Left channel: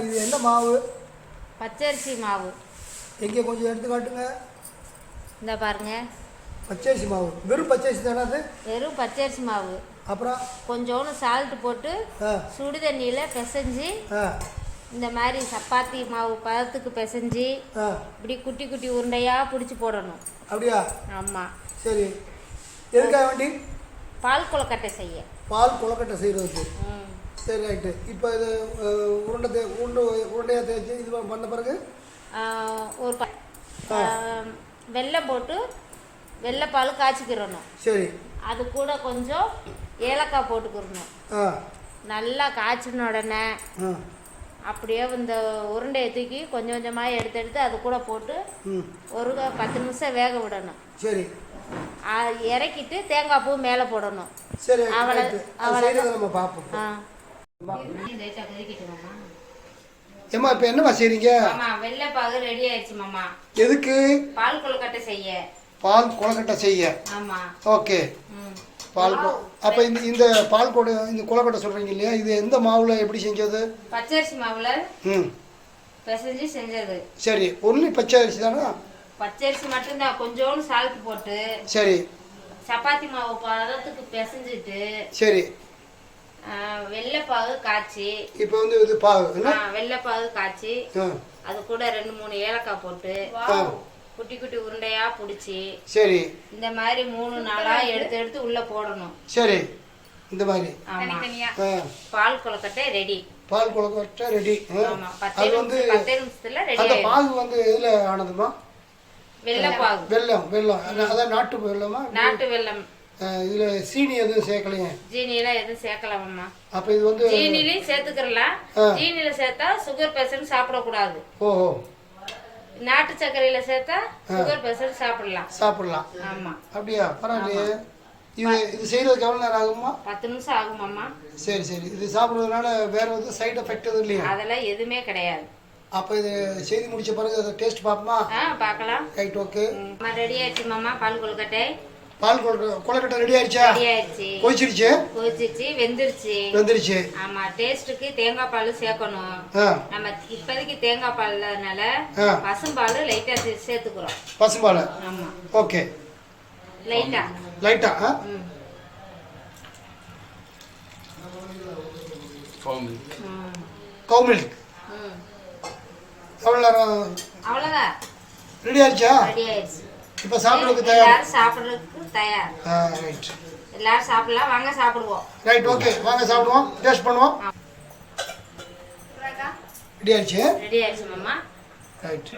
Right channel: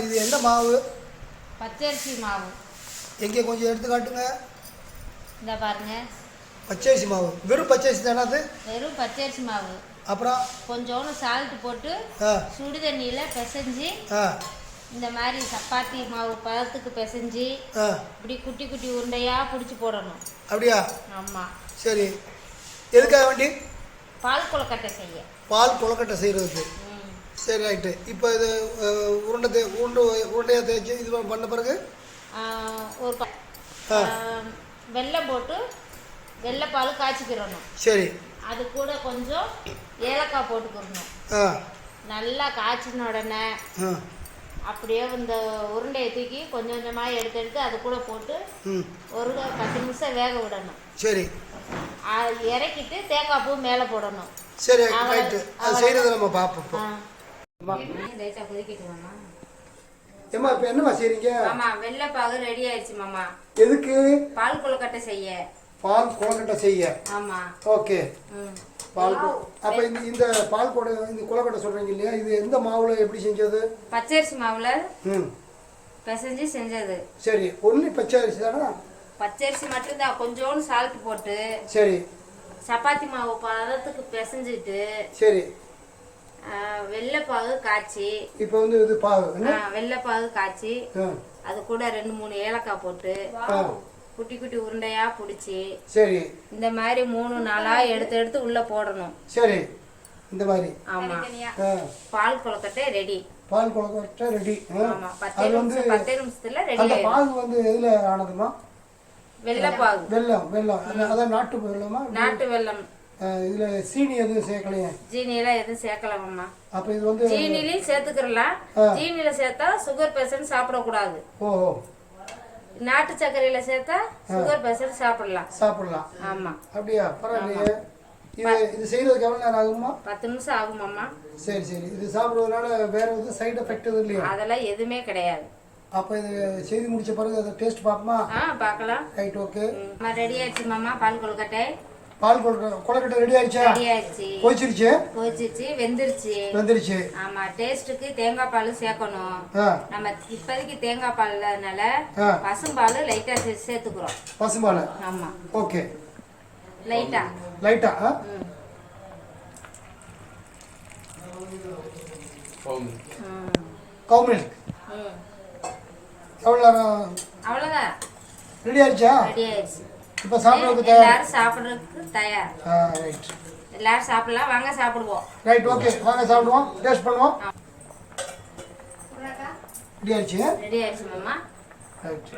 இது என்ன மாவு? பச்சரிசி மாவு. எங்கே கொஞ்சம் எடுத்து காட்டுங்க. இந்த பாருங்க, பச்சரிசி மாவு. வெறும் பச்சரிசி தானே அது? வெறும் பச்சரிசி மாவு. அப்புறம் கொஞ்சோண்டு சால்ட் போட்டு சுடு தண்ணியில் பிசைஞ்சு இந்த மாதிரி சப்பாத்தி மாவு பதத்துக்கு பிசைஞ்சு இப்படி குட்டி குட்டி உருண்டையாக பிடிச்சி போடணும். அப்படியா? ஆமாம். சரி, எதுக்காக வேண்டி? பால் கொழுக்கட்டை செய்ய. பால் கொழுக்கட்டை செய்கிறதுக்கு. சரி, ரைட்டு. இப்போ இது உருண்டையாக தேய்ச்சி இது பண்ண பிறகு ஒரு வெல்லம் போட்டு வெள்ளைப்பால் காய்ச்சிக்கிறணும். சரி. அது கூட கொஞ்சம் ஏலக்காய் போட்டுக்கிறணும். நல்லா காய்ச்சின உடனே அப்படியே இந்த உருண்டையை தூக்கி கொஞ்சம் கொஞ்சமாக எடுத்து அது கூட போட்டு ஒரு 10 நிமிஷம் வேக விடணும். சரி. இறக்கிட்டு தேங்காய் பூ மேலே போடணும். சரி, அது செய்யறது நம்ம பார்ப்போம். ஏம்மா இப்போ என்னம்மா செய்றீங்க? ஆமா, வெள்ளைப்பாகு ரெடி ஆயிடுச்சு மாமா. எதுக்கு? பால் கொழுக்கட்டை செய்ய. பால் கொழுக்கட்டை செய்ய. ஆமா. ஓகே. பால் அப்போ இந்த பால் இந்த கொழுக்கட்டை சொல்றீங்க இல்லையா, இது எந்த மாவுல எப்படி செஞ்சது? பச்சரிசி மாவுல பிசைஞ்சு செஞ்சது. சரி, ஒன்லி பச்சரிசி தானா? பச்சரிசி மட்டும்தான், கொஞ்சோண்டு சால்ட் போட்டு. சரி. சப்பாத்தி மாவு பதத்துக்கு பிசைஞ்சிட்டு. சரி. வெள்ளைப்பாகு காய்ச்சி. இப்போ இது பாகு என்ன? வெள்ளைப்பாகு காய்ச்சி அது கூட 2-3 ஏலக்காய் போட்டு குட்டி குட்டி உருண்டையா பிடிச்சி. சரி. இந்த மாதிரி 3-4 எடுத்து உள்ள போடணும். சரி, இந்த மாதிரி. ஆமா. பால் கொழுக்கட்டை ரெடி. பால் கொழுக்கட்டை ரெடி. ஆமா, 10 நிமிஷத்துல ரெடி. அந்த பாகு எதுல ஆனதுமா? வெள்ளைப்பாகு. வெல்லம் அதான் நாட்டு வெல்லமா? நாட்டு வெல்லம். இதுல சீனி எதுவும் சேர்க்கலையே? சீனி எல்லாம் எதுவும் சேர்க்கலாமா? அப்ப இது சீனிலையும் சேர்த்துக்கலாம். சீனியில சேர்த்தா சுகர் பேஷண்ட் சாப்பிடக்கூடாது. ஓஹோ. நாட்டு சர்க்கரையில சேர்த்தா சுகர் பேஷண்ட் சாப்பிடலாம். ஆமா. அப்படியா? பரவாயில்லையே. இது செய்யறதுக்கு எவ்வளவு நேரம் ஆகுமா? 10 நிமிஷம் ஆகுமாமா. சரி சரி. இது சாப்பிடுறதுனால வேற எதுவும் சைடு எஃபெக்ட் எதுவும் இல்லையா? அதெல்லாம் எதுவுமே கிடையாது. அப்ப இது செய்து முடிச்ச பிறகு அதை டேஸ்ட் பாப்போமா? பார்க்கலாம். Right, okay. ரெடி ஆயிடுச்சு மாமா பால் கொழுக்கட்டை. பால் கொழுக்கட்டை ரெடி ஆயிடுச்சா? ரெடி ஆயிடுச்சு. கொதிச்சிருச்சு, வெந்துருச்சு. ஆமா, டேஸ்டுக்கு தேங்காய் பால் சேர்க்கணும். நம்ம இப்போதைக்கு தேங்காய் பால்னால பசும்பால் லைட்டா சேர்த்துக்கிறோம். பசும்பால்? ஆமா. ஓகே. லைட்டா. கவு மில்க். அவ்வளவுதான். ரெடி ஆயிடுச்சா? ரெடி ஆயிடுச்சு. இப்ப சாப்பிடுறதுக்கு தயார். எல்லாரும் சாப்பிடுறதுக்கு தயார். ரைட். எல்லாரும் சாப்பிடலாம், வாங்க சாப்பிடுவோம். ரைட், ஓகே, வாங்க சாப்பிடுவோம், டேஸ்ட் பண்ணுவோம். ரெடி ஆயிடுச்சு? ரெடி ஆயிடுச்சு மாமா. ரைட்.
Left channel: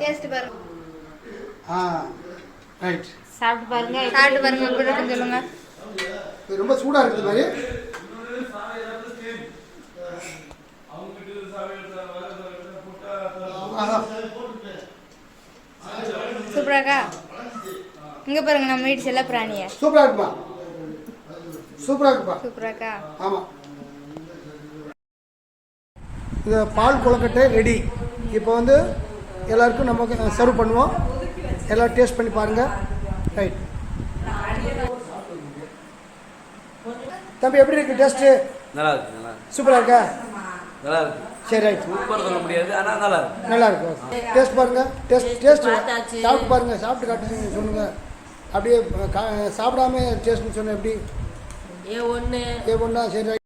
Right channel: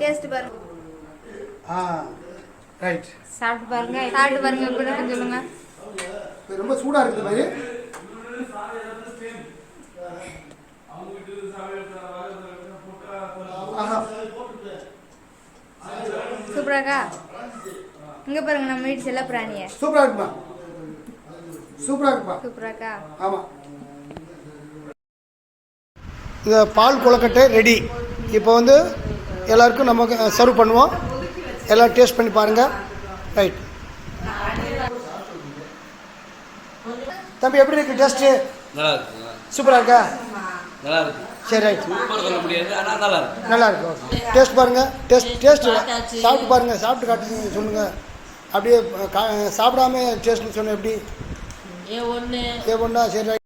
டேஸ்ட் பாருங்க. ரைட். சாப்பிட்டு பாருங்க எப்படி இருக்குன்னு சொல்லுங்க. ரொம்ப சூடா இருக்குது மாதிரி. சூப்பராக்கா. இங்க பாருங்க, நம்ம வீட்டு செல்ல பிராணிய. சூப்பரா இருக்குப்பா. ஆமா. இந்த பால் கொழுக்கட்டை ரெடி. இப்போ எல்லாருக்கும் நமக்கு சர்வ் பண்ணுவோம். எல்லாம் டேஸ்ட் பண்ணி பாருங்க. ரைட். தம்பி, எப்படி இருக்கு டேஸ்ட்? நல்லா இருக்கு. சூப்பரா இருக்கா? நல்லா இருக்கு. சரி, ரைட். சூப்பர் சொல்ல முடியாது, ஆனா நல்லா இருக்கு. நல்லா இருக்கு. ஓகே. டேஸ்ட் பாருங்க. டேஸ்ட் சாப்பிட்டு பாருங்க. சாப்பிட்டு காட்டு சொல்லுங்க. அப்படியே சாப்பிடாம டேஸ்ட்னு சொன்ன எப்படி? ஏ ஒண்ணா. சரி, ரைட்.